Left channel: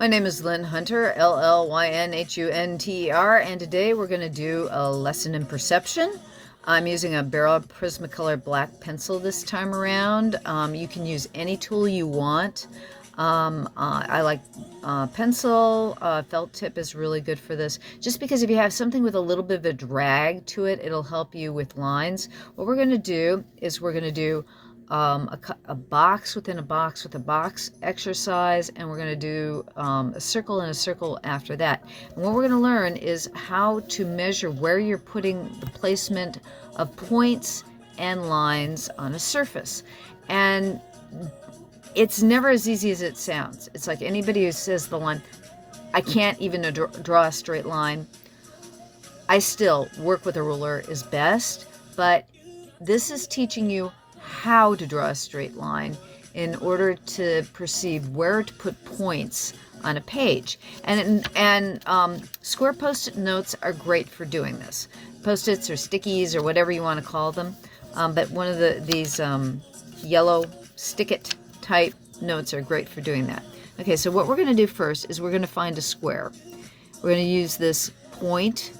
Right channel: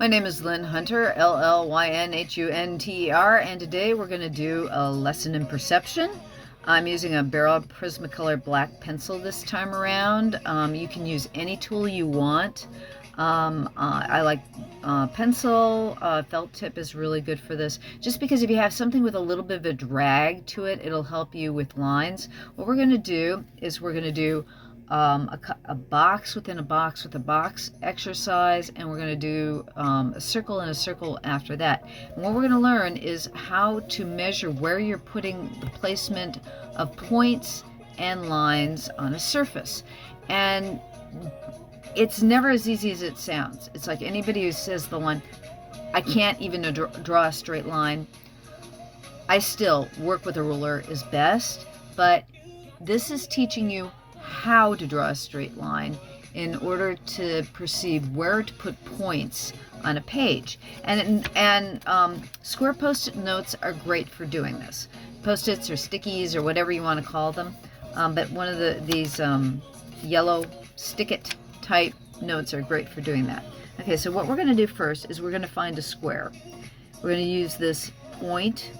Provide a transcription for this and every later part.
My name is Llyn Hunter, Llynhunter, and today we're going to do a lesson in perception. I'm using a Berol Prismacolor Black pencil this time around. You can use any tool you want. I like pencil. Felt tip is really good for this, just because if you have something with a little bit of a drag to it, it'll help you with lines. What we're going to do is we're going to do a box within a box with a box exercise, and we're going to do a circle and a circle after that. And what we're going to learn is how to measure where you're putting the placement of points and lines on a surface. And it's never as easy as it sounds. It's like anybody who says the line, I can't even draw a straight line. I still work with a ruler is best, but this is teaching you how to draw a straight line in order to perceive where to put points on a page. And square post-it notes are great for doing this. Post-its or stickies or whatever you want to call them. But one of these yellow stick-it type notes are great for doing that. Okay, so what we're going to do first is we're going to find a square. We're going to use this point.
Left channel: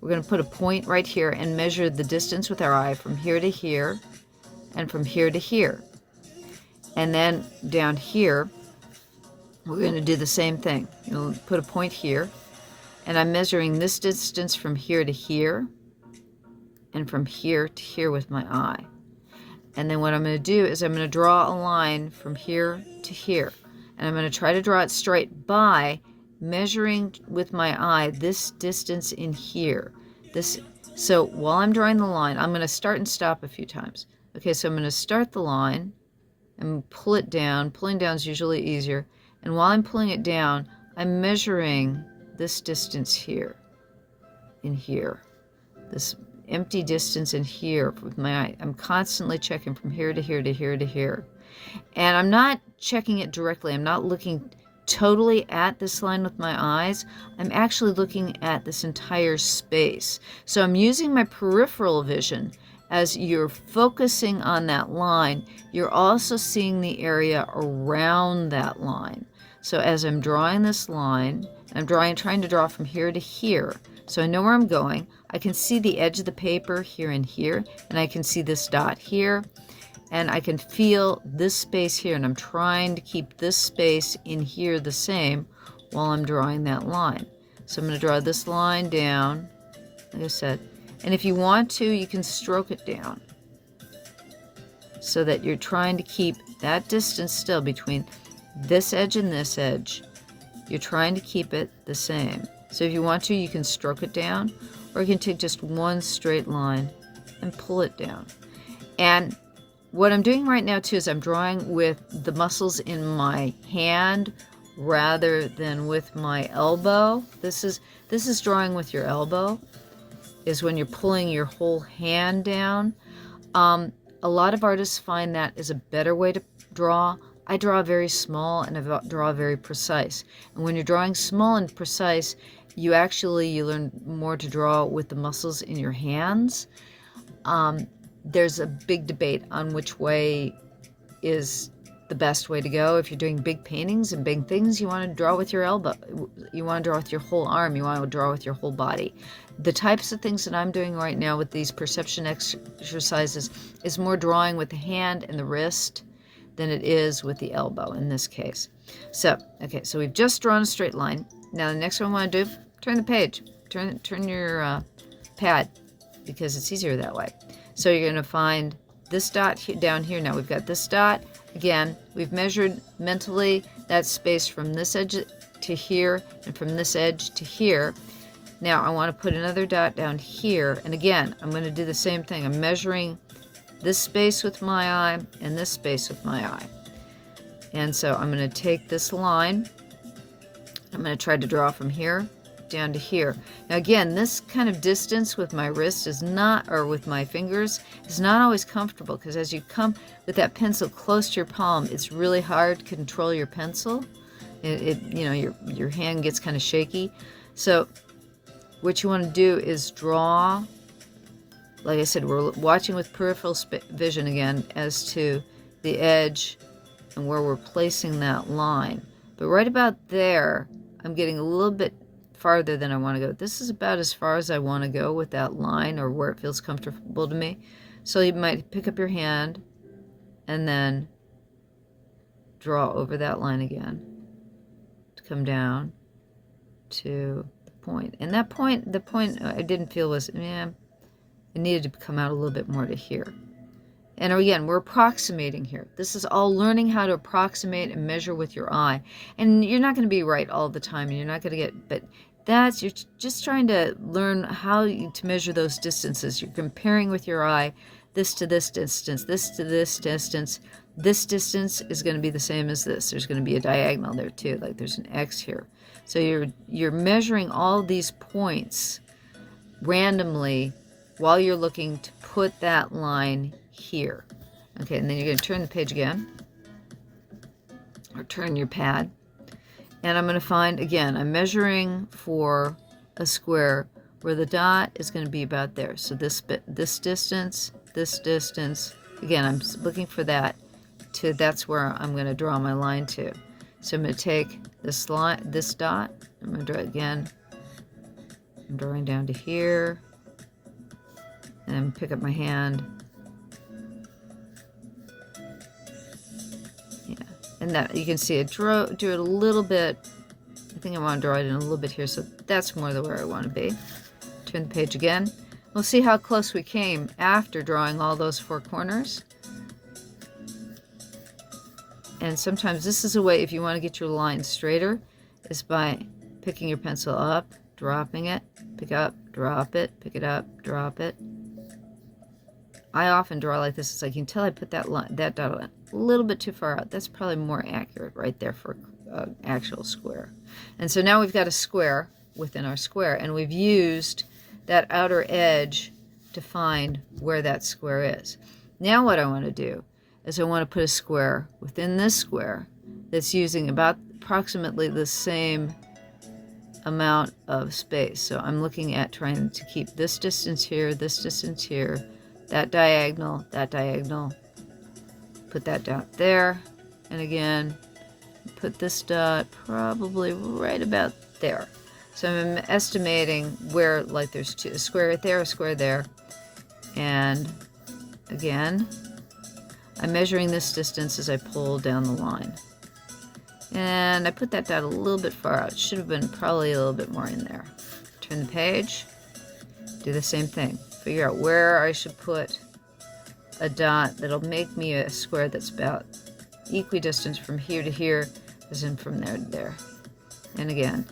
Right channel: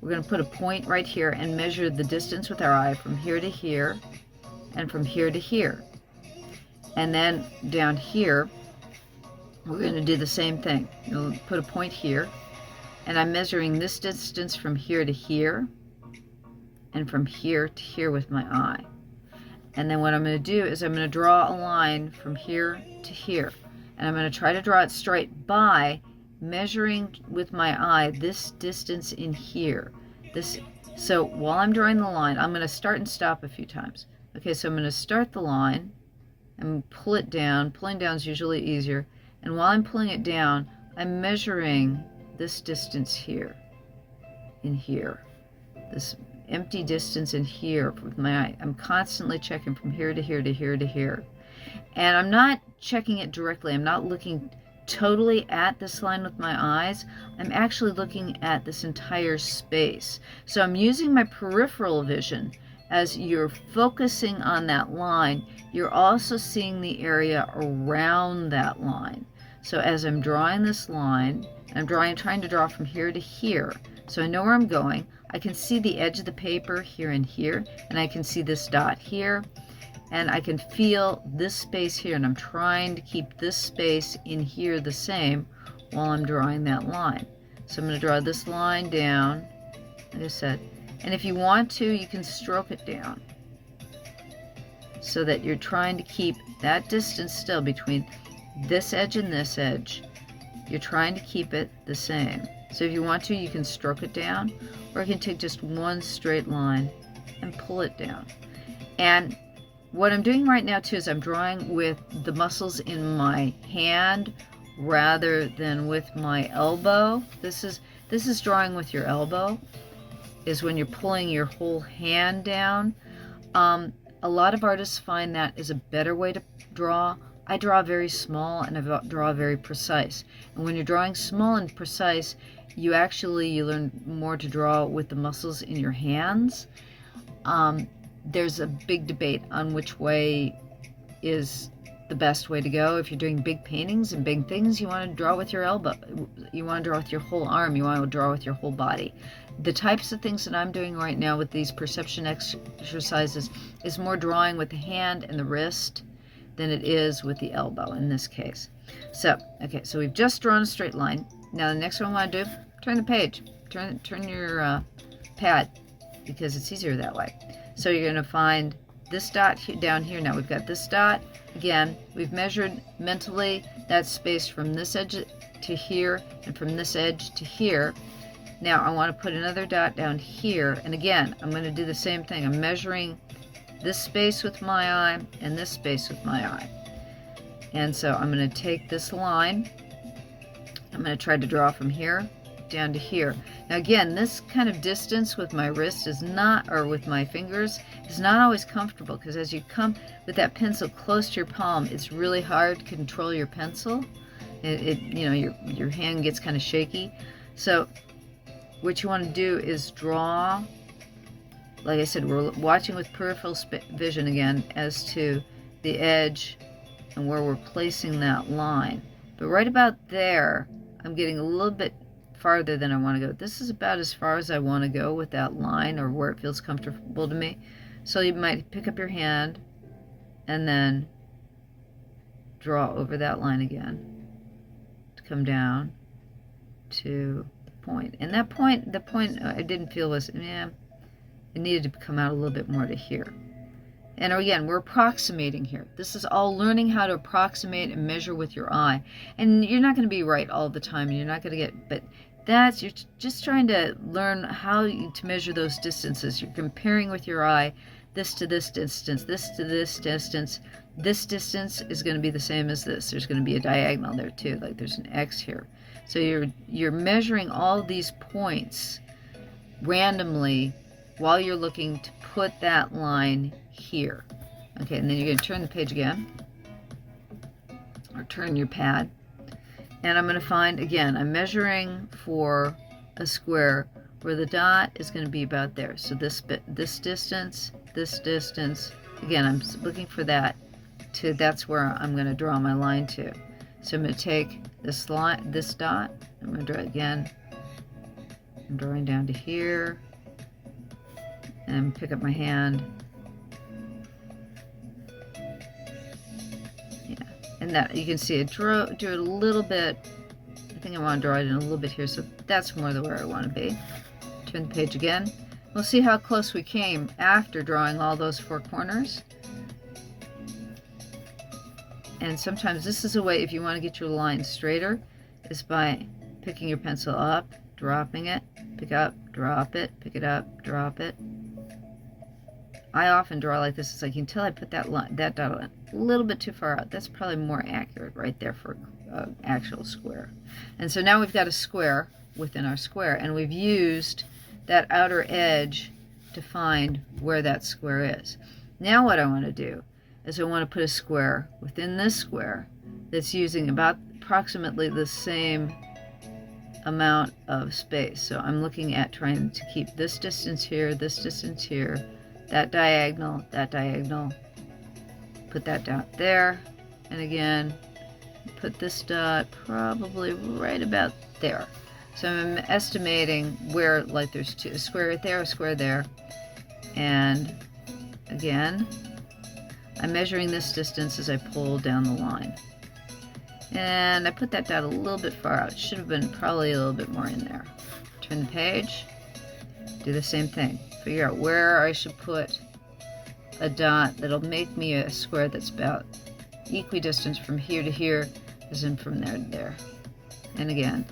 We're going to put a point right here and measure the distance with our eye from here to here and from here to here. And then down here, we're going to do the same thing. We'll put a point here, and I'm measuring this distance from here to here and from here to here with my eye. And then what I'm going to do is I'm going to draw a line from here to here. And I'm going to try to draw it straight by measuring with my eye this distance in here. So while I'm drawing the line, I'm going to start and stop a few times. Okay, so I'm going to start the line and pull it down. Pulling down is usually easier. And while I'm pulling it down, I'm measuring this distance here, in here, this empty distance in here with my eye. I'm constantly checking from here to here to here to here. And I'm not checking it directly. I'm not looking totally at this line with my eyes. I'm actually looking at this entire space. So I'm using my peripheral vision. As you're focusing on that line, you're also seeing the area around that line. So as I'm drawing this line, I'm trying to draw from here to here. So I know where I'm going. I can see the edge of the paper here and here, and I can see this dot here, and I can feel this space here, and I'm trying to keep this space in here the same while I'm drawing that line. So I'm going to draw this line down, like I said. And if you want to, you can stroke it down so that you're trying to keep that distance still between this edge and this edge. You're trying to keep it the same. So if you want to, you can stroke it down, or you can take just one straight line and pull it down. And what I'm doing right now too is I'm drawing with the muscles in my hand rather than with my elbow. This is drawing with your elbow, is when you're pulling your whole hand down. A lot of artists find that is a better way to draw. I draw very small and I draw very precise. And when you're drawing small and precise, you learn more to draw with the muscles in your hands. There's a big debate on which way is the best way to go. If you're doing big paintings and big things, you want to draw with your elbow. You want to draw with your whole arm. You want to draw with your whole body. The types of things that I'm doing right now with these perception exercises is more drawing with the hand and the wrist than it is with the elbow in this case. So, okay, so we've just drawn a straight line. Now the next one I want to do, turn the page. Turn your pad, because it's easier that way. So you're going to find this dot down here. Now we've got this dot. Again, we've measured mentally that space from this edge to here and from this edge to here. Now I want to put another dot down here, and again I'm going to do the same thing. I'm measuring this space with my eye and this space with my eye. And so I'm going to take this line, I'm going to try to draw from here down to here. Now again, this kind of distance with my wrist is not, or with my fingers, is not always comfortable, because as you come with that pencil close to your palm, it's really hard to control your pencil. Your hand gets kind of shaky. So what you want to do is draw, like I said, we're watching with peripheral vision again as to the edge and where we're placing that line. But right about there, I'm getting a little bit farther than I want to go. This is about as far as I want to go with that line, or where it feels comfortable to me. So you might pick up your hand and then draw over that line again to come down to the point. And that point, the point I didn't feel was, yeah, it needed to come out a little bit more to here. And again, we're approximating here. This is all learning how to approximate and measure with your eye. And you're not going to be right all the time. You're not going to get, but that's, you're just trying to learn how to measure those distances. You're comparing with your eye, this to this distance, this to this distance. This distance is going to be the same as this. There's going to be a diagonal there too, like there's an X here. So you're measuring all these points randomly while you're looking to put that line here. Okay, and then you're going to turn the page again, or turn your pad, and I'm going to find, again, I'm measuring for a square where the dot is going to be about there. So this distance, again, I'm looking for that to, that's where I'm going to draw my line to. So I'm going to take this line, this dot, I'm going to draw it again. I'm drawing down to here, and pick up my hand. Yeah, and that, you can see it, do it a little bit. I think I want to draw it in a little bit here, so that's more the where I want to be. Turn the page again. We'll see how close we came after drawing all those four corners. And sometimes this is a way, if you want to get your line straighter, is by picking your pencil up, dropping it, pick up, drop it, pick it up, drop it. I often draw like this. It's like, you can tell I put that line, that dot a little bit too far out. That's probably more accurate right there for an actual square. And so now we've got a square within our square, and we've used that outer edge to find where that square is. Now what I want to do is I want to put a square within this square that's using about approximately the same amount of space. So I'm looking at trying to keep this distance here, that diagonal, put that dot there, and again, put this dot probably right about there. So I'm estimating where, like, there's a square there, a square there, and again, I'm measuring this distance as I pull down the line. And I put that dot a little bit far out. It should have been probably a little bit more in there. Turn the page, do the same thing. Figure out where I should put a dot that'll make me a square that's about equidistant from here to here, as in from there to there. And again,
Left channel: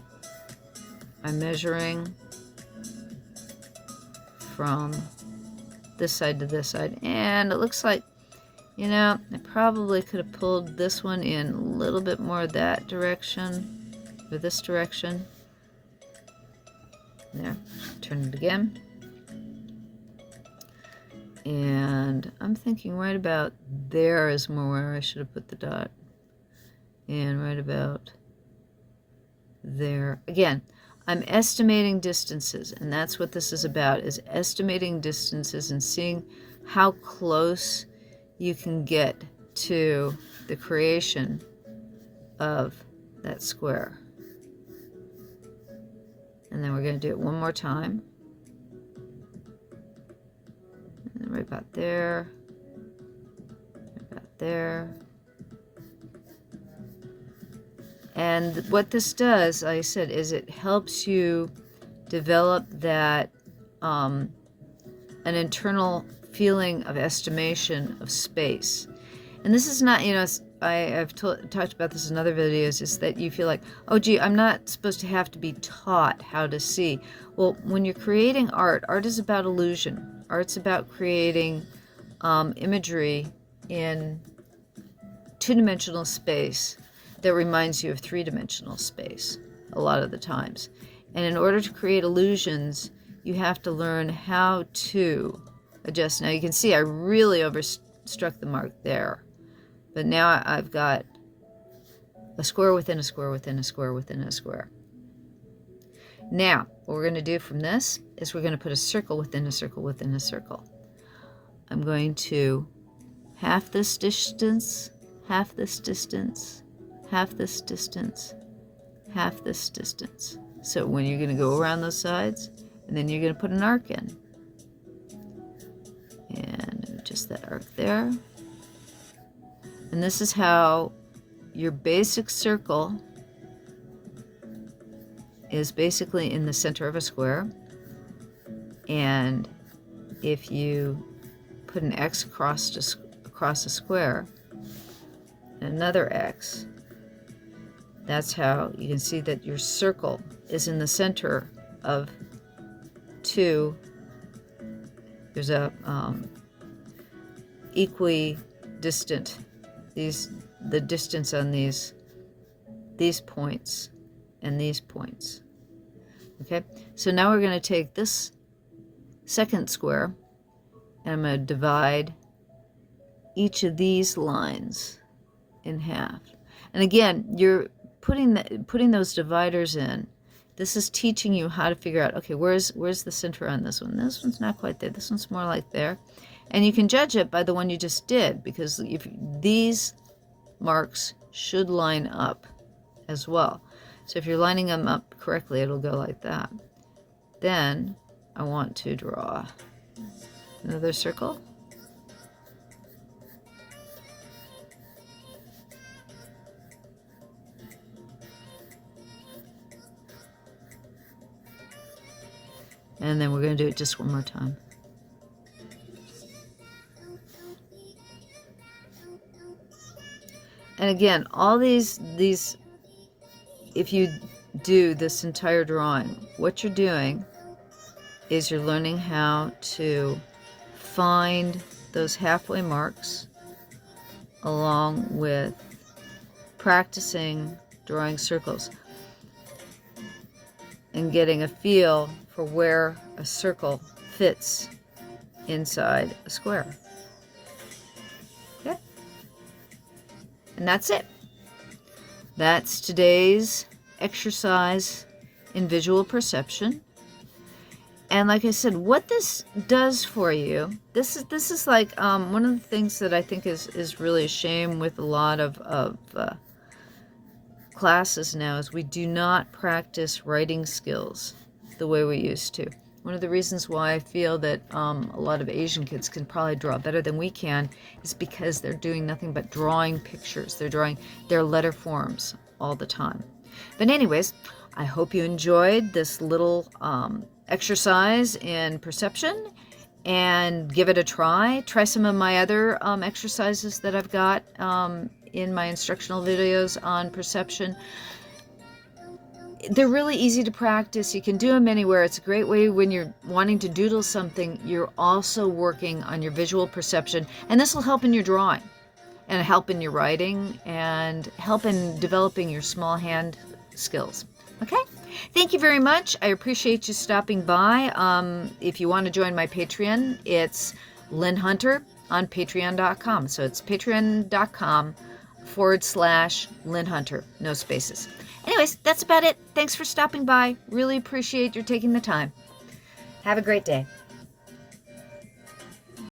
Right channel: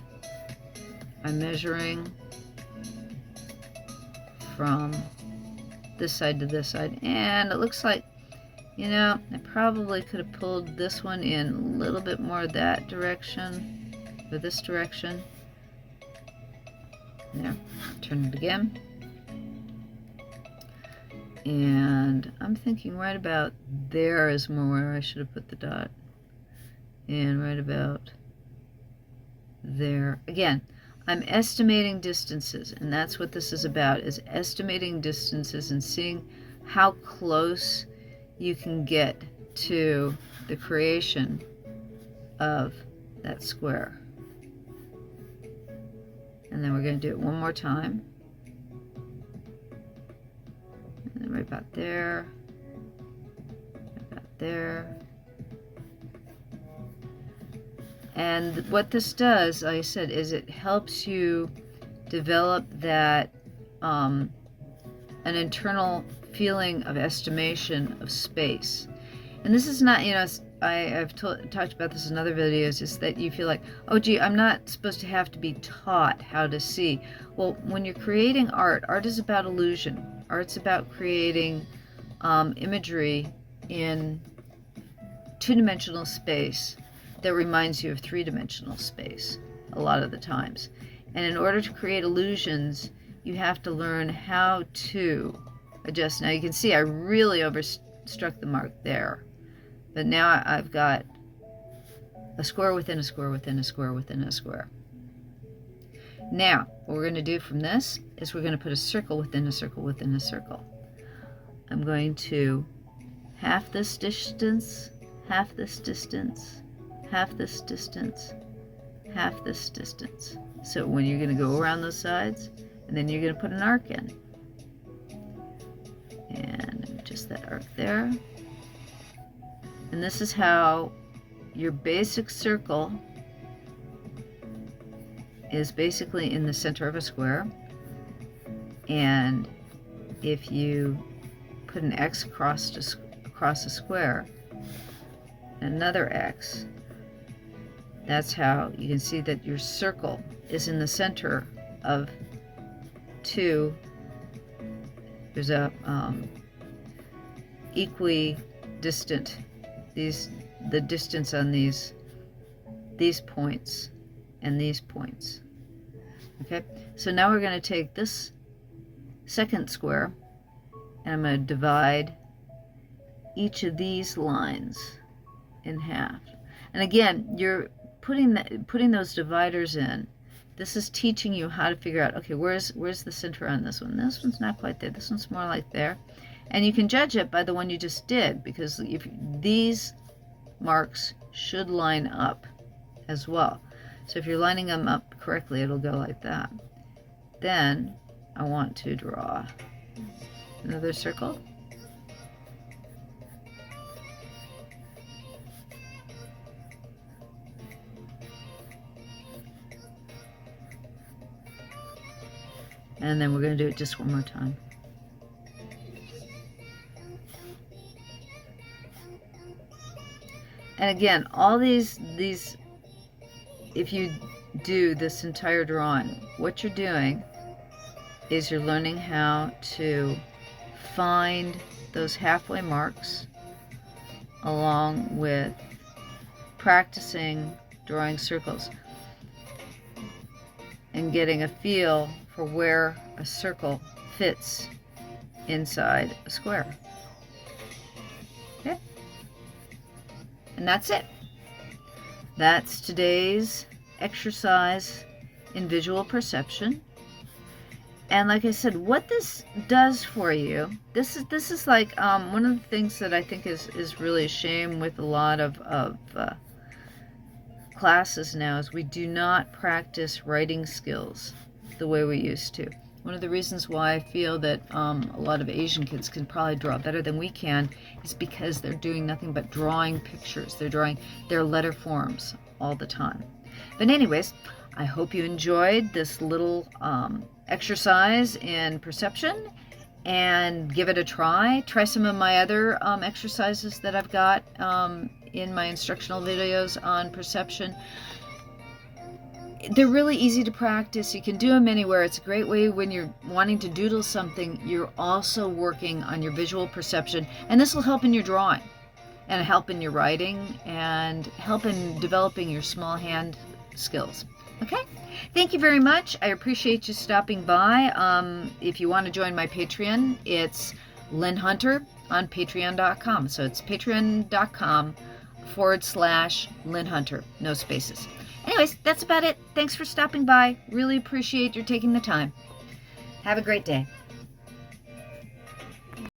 I'm measuring from this side to this side, and it looks like, you know, I probably could have pulled this one in a little bit more that direction, or this direction. There, turn it again. And I'm thinking right about there is more where I should have put the dot. And right about there. Again, I'm estimating distances, and that's what this is about, is estimating distances and seeing how close you can get to the creation of that square. And then we're going to do it one more time. And then right about there, right about there. And what this does, like I said, is it helps you develop that an internal feeling of estimation of space. And this is not, you know, I've talked about this in other videos, is that you feel like, oh gee, I'm not supposed to have to be taught how to see. Well, when you're creating art, art is about illusion. Art's about creating imagery in two-dimensional space that reminds you of three-dimensional space a lot of the times. And in order to create illusions, you have to learn how to adjust. Now you can see I really overstruck the mark there. But now I've got a square within a square within a square within a square. Now, what we're going to do from this is we're going to put a circle within a circle within a circle. I'm going to half this distance, half this distance, half this distance, half this distance. So when you're going to go around those sides, and then you're going to put an arc in. And just that arc there. And this is how your basic circle is basically in the center of a square. And if you put an X across a square, and another X, that's how you can see that your circle is in the center of two. There's a equidistant, the distance on these points and these points. Okay, so now we're going to take this second square, and I'm going to divide each of these lines in half. And again, you're putting those dividers in. This is teaching you how to figure out, okay, where's the center on this one? This one's not quite there. This one's more like there. And you can judge it by the one you just did, because if these marks should line up as well. So if you're lining them up correctly, it'll go like that. Then I want to draw another circle. And then we're going to do it just one more time. And again, all these, if you do this entire drawing, what you're doing is you're learning how to find those halfway marks along with practicing drawing circles and getting a feel for where a circle fits inside a square. Okay? And that's it. That's today's exercise in visual perception. And like I said, what this does for you, this is like one of the things that I think is really a shame with a lot of classes now is we do not practice writing skills the way we used to. One of the reasons why I feel that a lot of Asian kids can probably draw better than we can is because they're doing nothing but drawing pictures. They're drawing their letter forms all the time. But anyways, I hope you enjoyed this little exercise in perception, and give it a try. Try some of my other exercises that I've got in my instructional videos on perception. They're really easy to practice. You can do them anywhere. It's a great way when you're wanting to doodle something. You're also working on your visual perception, and this will help in your drawing and help in your writing and help in developing your small hand skills. Okay, thank you very much. I appreciate you stopping by. If you want to join my Patreon, it's Llyn Hunter on patreon.com. So it's patreon.com/Llyn Hunter, no spaces. Anyways, that's about it. Thanks for stopping by. Really appreciate your taking the time. Have a great day.